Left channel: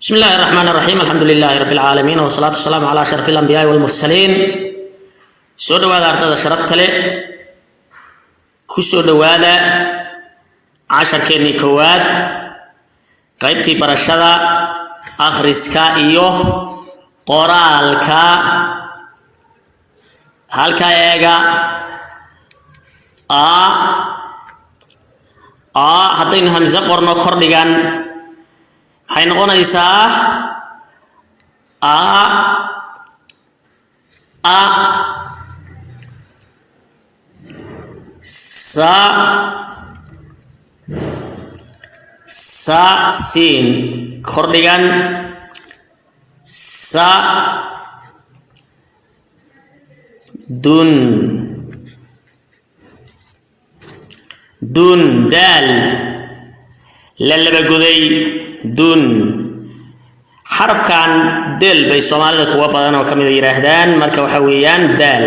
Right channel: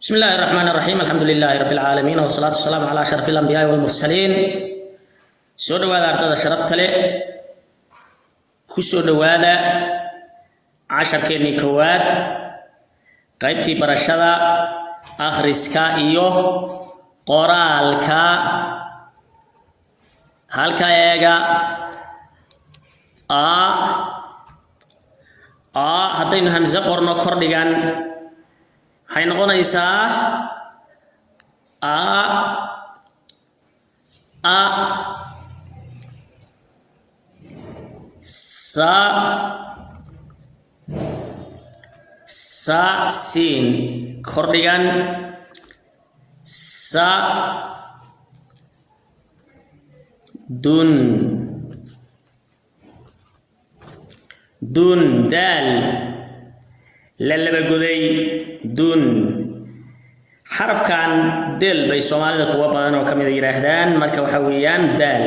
بسم الله الرحمن الرحيم الحمد لله رب العالمين والصلاة والسلام على أشرف الأنبياء والمرسلين سو دواada ardada sharafta leh ku soo dhawaada casharkeennii koowaad qaybtii barashada akhriska iyo qoraalka halka eega a haddaynu hamza qorno kordhigan waxay noqonaysaa sa sin kordhigan sa dun dal la laba goday dun xarafkan del bay Soomaalida kuwa badan oo kamid yiraahdaan marka waxa weeyaan dal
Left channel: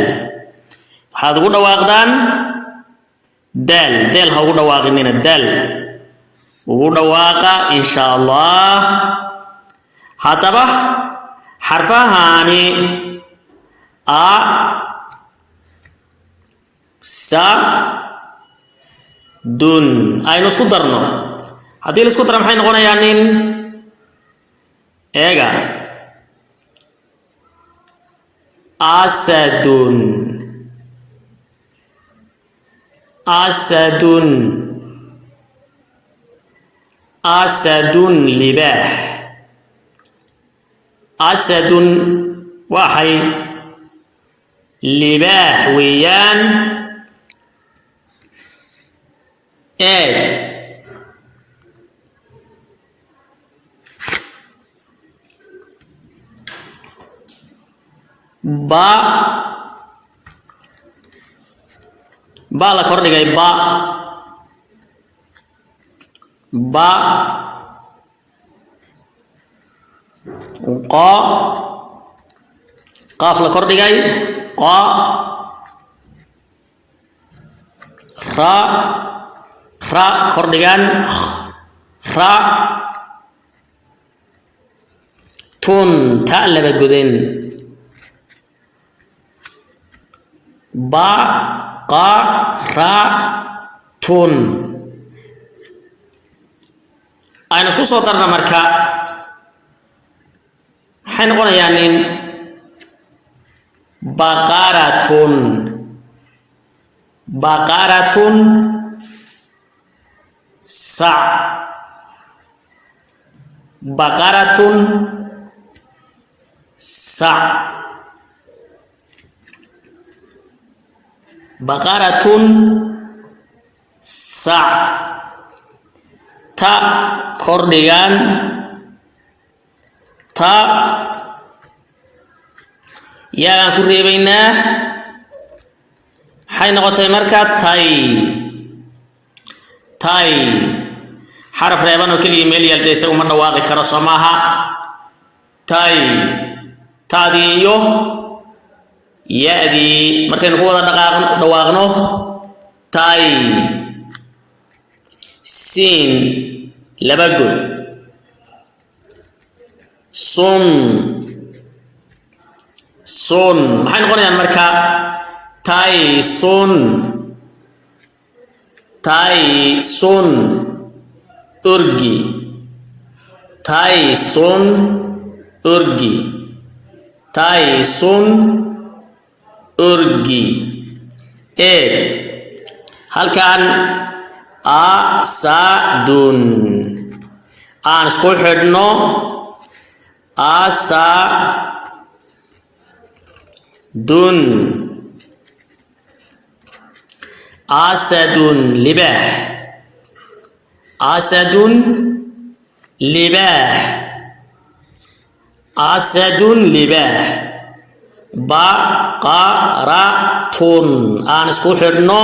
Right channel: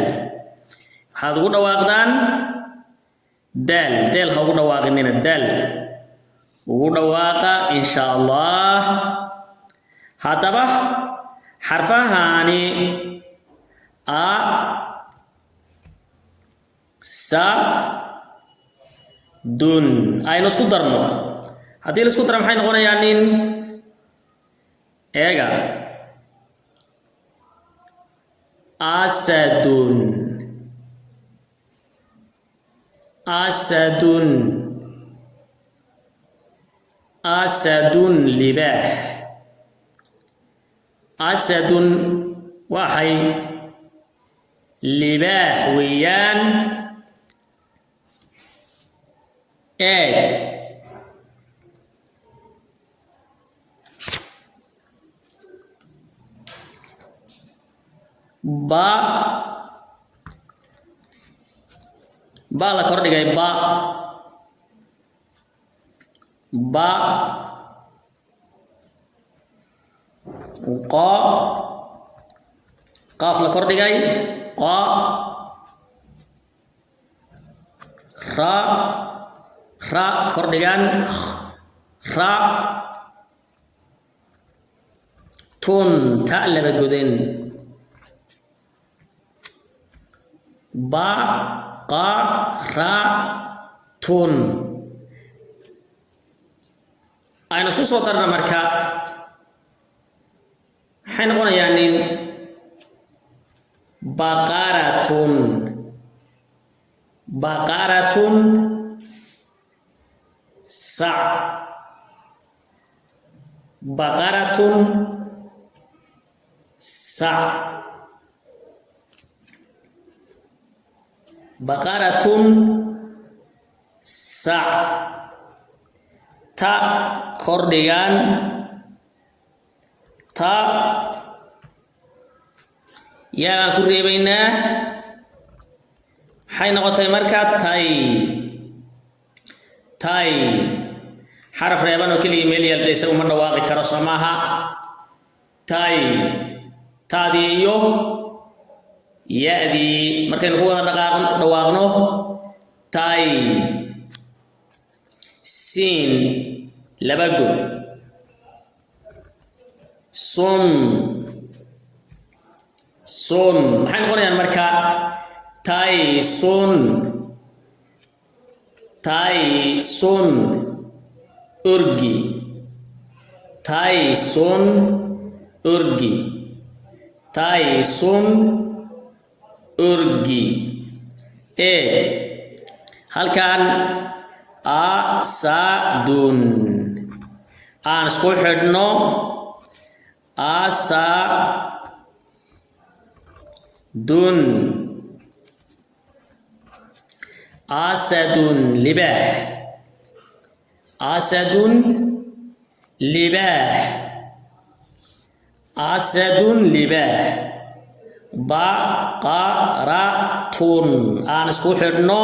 waxaad ugu dhawaaqdaan dal ha ugu dhawaaqinina dal ugu dhawaaqa insha Allah hadaba xarfahani a sa dun aynu isku darno haddii la isku daro maxay noqonayaan nin eega asadun libah asadun waxay libah weeyaan eeg ba la kordhigay ba qa qaaf la kordhigay qa ra kordhigan ra tun ta laba goden ba qa ra tun aynu isku soo darna marka waxay noqonayaan in baqaratun sa baqaratun sa baqaratun sa ta kordhigan ta yaan ku reebaynaa waxay noqotay marka tay xaraf reeban oo keliya meel yaaltaysa uma dhawaaqi karo soo maaha tay taadii iyo ya-dii markaynu ku wada dhawaaqno tay sin laba god sun maxay noqonayaan marka tay sun urgi tay sun urgi eeg halkan asadun aan isku xidhno asadun libah baqaratun aan isku xidhno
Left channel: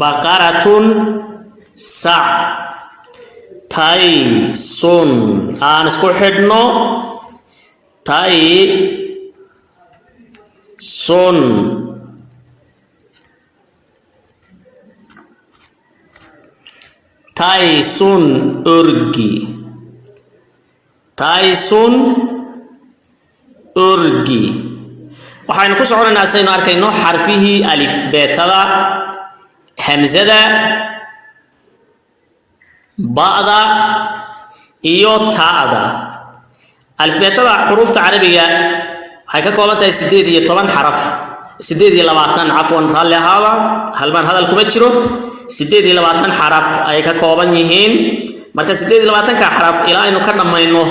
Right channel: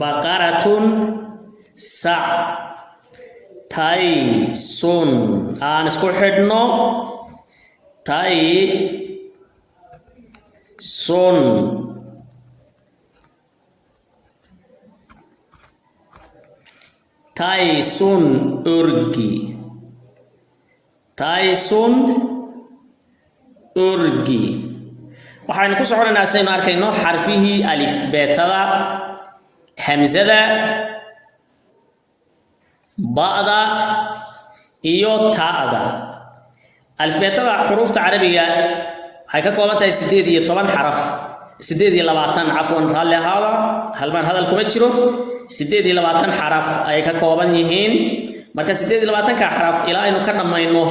baqaratun sa taysun aan isku xidhno taysun taysun urgi taysun urgi waxaan ku soconaynaa saynu arkayno xarfihii alif beetada hamzada ba'da iyo ta'da alif beetada xurufta carabiga waxay ka kooban tahay 18 xaraf 28 afwan raalli ahaada halban hadal kuma jiro 28 xaraf ay ka kooban yihiin marka 28 ka xaraf ilaa aynu ka dhamayno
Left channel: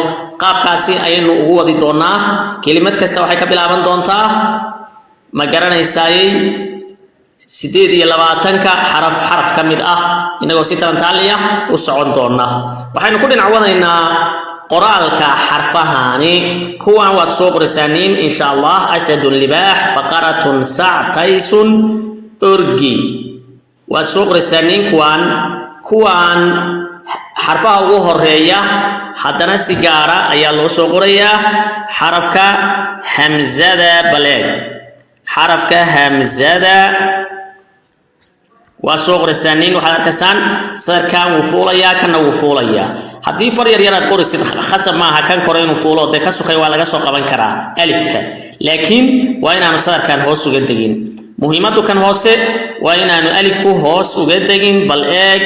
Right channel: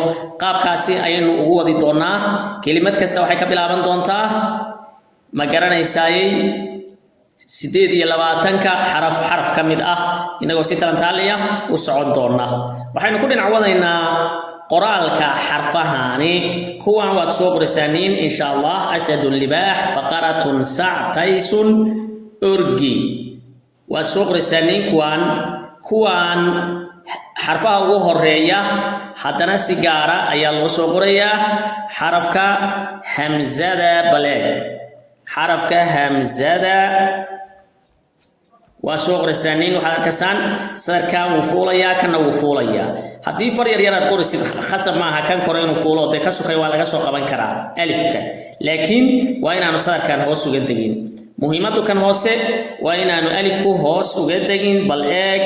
qaabkaasi aynu ugu wadi doonaa kelimad kasta waxay ka bilaaban doontaa ma garanaysay 28 ka xaraf kamid ah inagoo si talantaaliya u socon doona waxaynu ku dhinac wadaynaa qoraalka xarfahani kuwan waad soo qoraysaniin insha Allah asadun libaax baqaratun sac taysun urgi waa soo qoraysaniin kuwan xarfaha ugu horeeya haddana si gaara ayaa loo soo qorayaa xarafka hamzada baleed xarafka hamzada waa soo qoraysaniin waxaad arkaysaan sarkaan wuu fuulayaa kana wuu fuulayaa haddii far yar yaraad qorisid khasab maaha kan kore inuu fuulo dee ka sokay waa laga soo qaban karaa alifka laakiin waa inaanu sarkaan hoos uga degin muhiimadu kan hoose waa inaanu alifku hoos uga degin bal eeg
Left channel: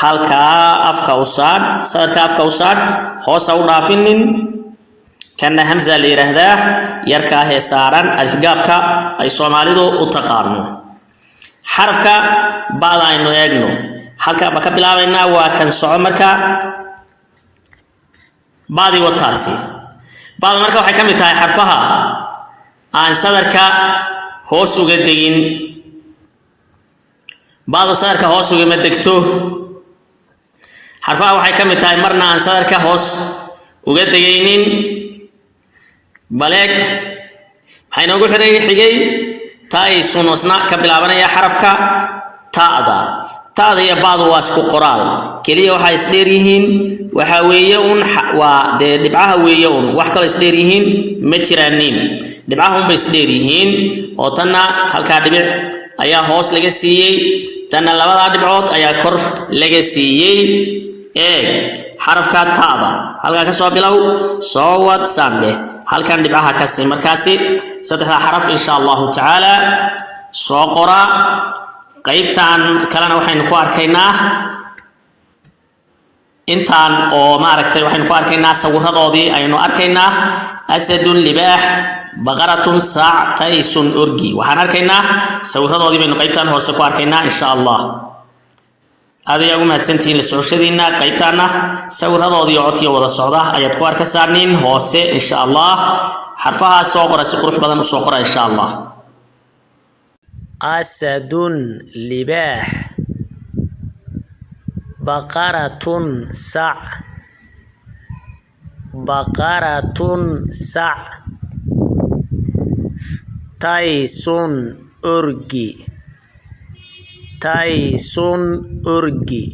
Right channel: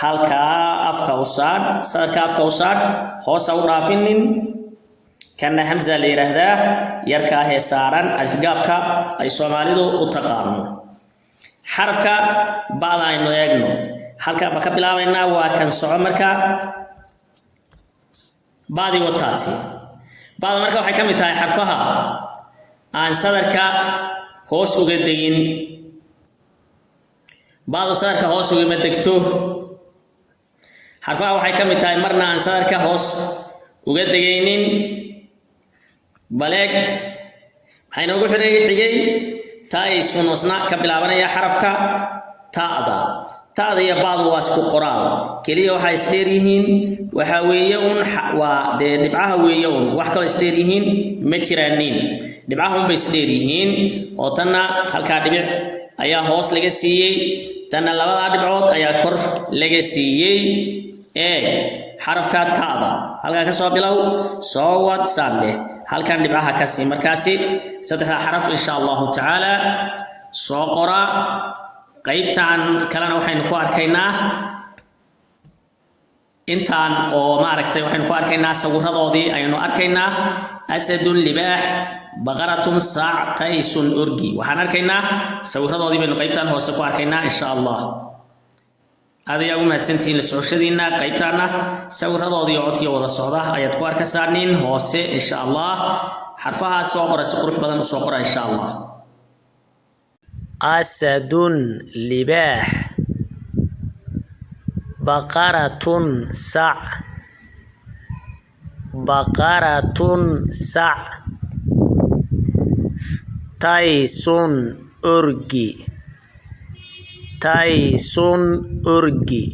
halkaa afka u saar sarka afka u saar hoos u dhaafinin kana hamza la yiraahdaa yarka ah saaran alif gaabka ay Soomaalidu u taqaano xarafka ba'da aynu eegno halka ba ka bilaabaynaa waa kan soco marka ba'di wataasi ba'da marka waxay ka mid tahay xarfaha aan sadarka hoos uga degin ba'da sadarka hoos uga ma degto xarfaha waxay ka mid tahay marna aan sadarka hoos uga degaynin baleeg waxay noogu xigay taysun wasna ka bilaabanaya xarafka ta'da iyo ba'du waa isku qoraal kaliya waxa is dheer yihiin waxa weeye waa dhibcaha weeye wax kale is dheer yihiin ma jiraanin dhibcaha bay is dheer yihiin oo tanna halka dhibic ayaa hoos laga siiyay tanna labada dhibcood ayaa kor laga siiyay xarafka ta'da halka ka soo bilow soo wad sambe halkan dhibcaha ka sii markaasi saddexda xaraf insha Allah taala soo qora qaybtan kalena waxaynu ku arkaynaa intaan oo maaragtay waxaynu ku arkaynaa sawiradoodii aynu arkaynaa asadun libaax baqaratun sac taysun urgi waxaan arkaynaa sawiradoodii baynu qaybtan hoose ku arkaynaa insha Allah هذا يوم هتسنتين للسعوديين قيبتنا سوي هذا ضيع عطية ولا صعدة أيات كوار كسرنين هوسة إن شاء الله حرفها صقرة سقروح بدن صقرة إن شاء الله أسد لباح بقرة سع تيسون أرجي